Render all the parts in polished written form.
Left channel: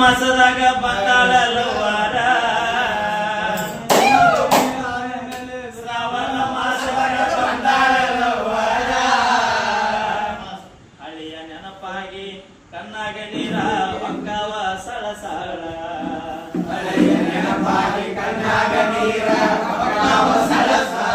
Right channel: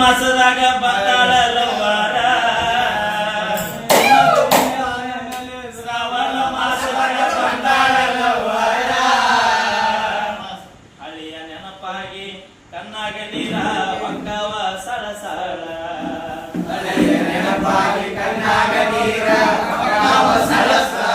ಮಾಸದಾಗ ಬಂದಾಳ ಲವ್ವಾರ ಶ್ರಾವಣ ಮಾಸದಾಗ ಬಂದಾಳ ಲವ್ವಾರ ಹಳಿಯ ನೆನಪಾಗಿ ಕಣ್ಣಾಗ ನೀರ ಒಕ್ಕವ ಸಳಸಳ ಹಳಿಯ ನೆನಪಾಗಿ ಕಣ್ಣಾಗ ನೀರ ಒಕ್ಕವ ಸಳಸಳ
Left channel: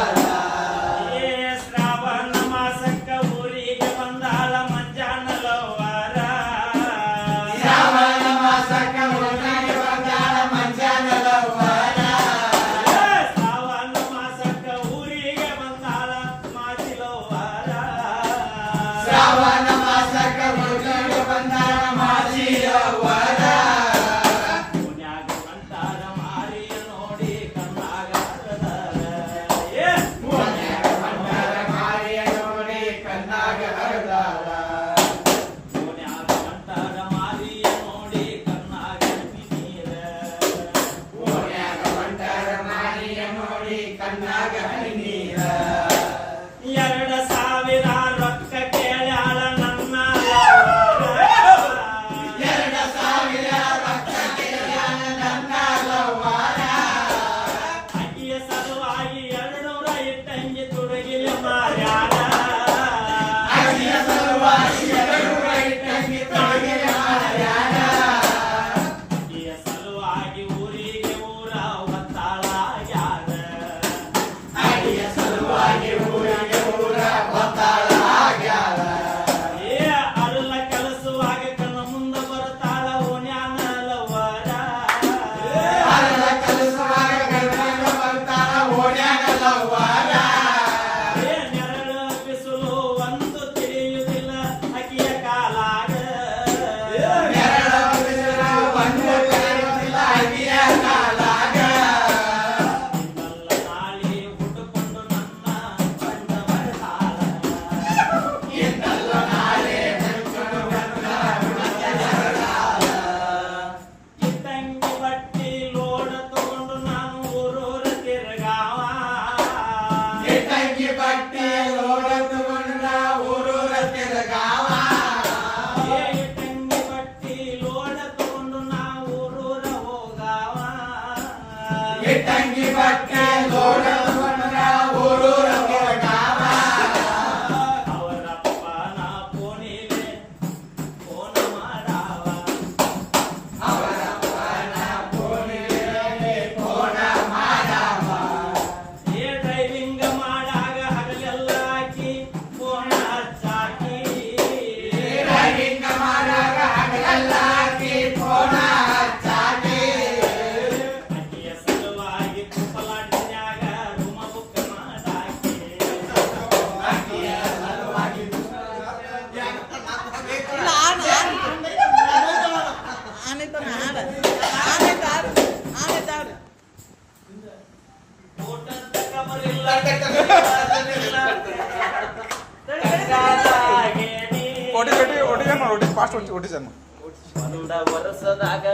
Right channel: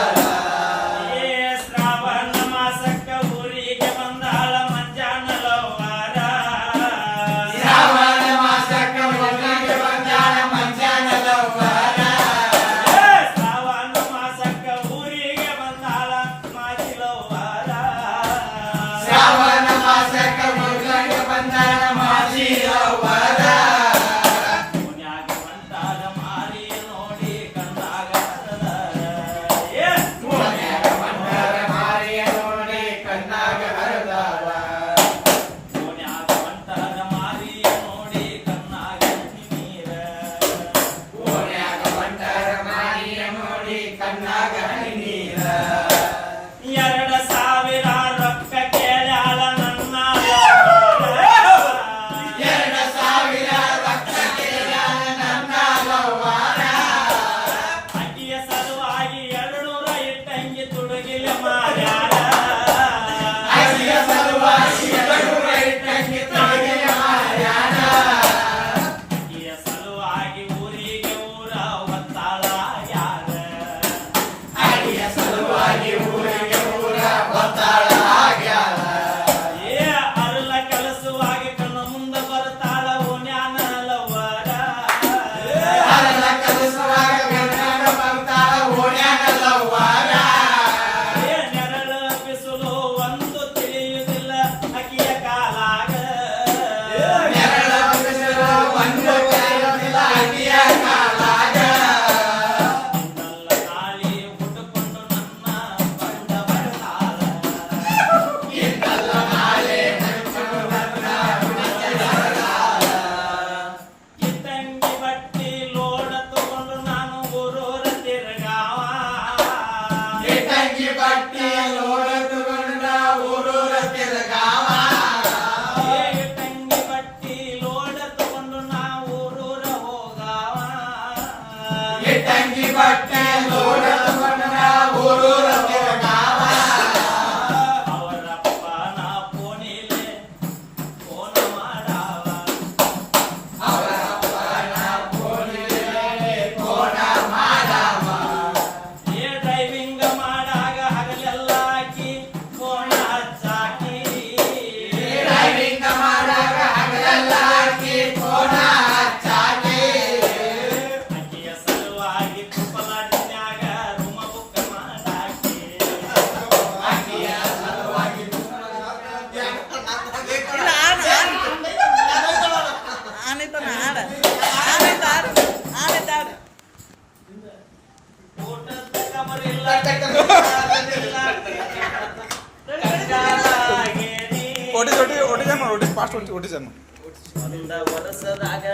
ತಂಗಿ ಬಟ್ಟೆ ಲೋಡ ಊರೂರ ತಿರುಗಾವ ಅವರಪ್ಪನ ಫೋನಿಲೆ ಫೋನ್ ಮಾಡಾವ ಅವರಪ್ಪನ ಫೋನಿಲೆ ಫೋನ ಮಾಡಾವ ಏ ಡ್ರೈವಿಂಗ್ ಮಾಡಾಗ ಹಗಲೆಲ್ಲ ಹಾಕಿ ಫೋನ್ ಹಚ್ಚಾಕಿ ಡ್ರೈವಿಂಗ್ ಮಾಡಾಗ ಹಗಲೆಲ್ಲ ಹಾಕಿ ಫೋನ ಒಂದ ವರ್ಷದಾಗ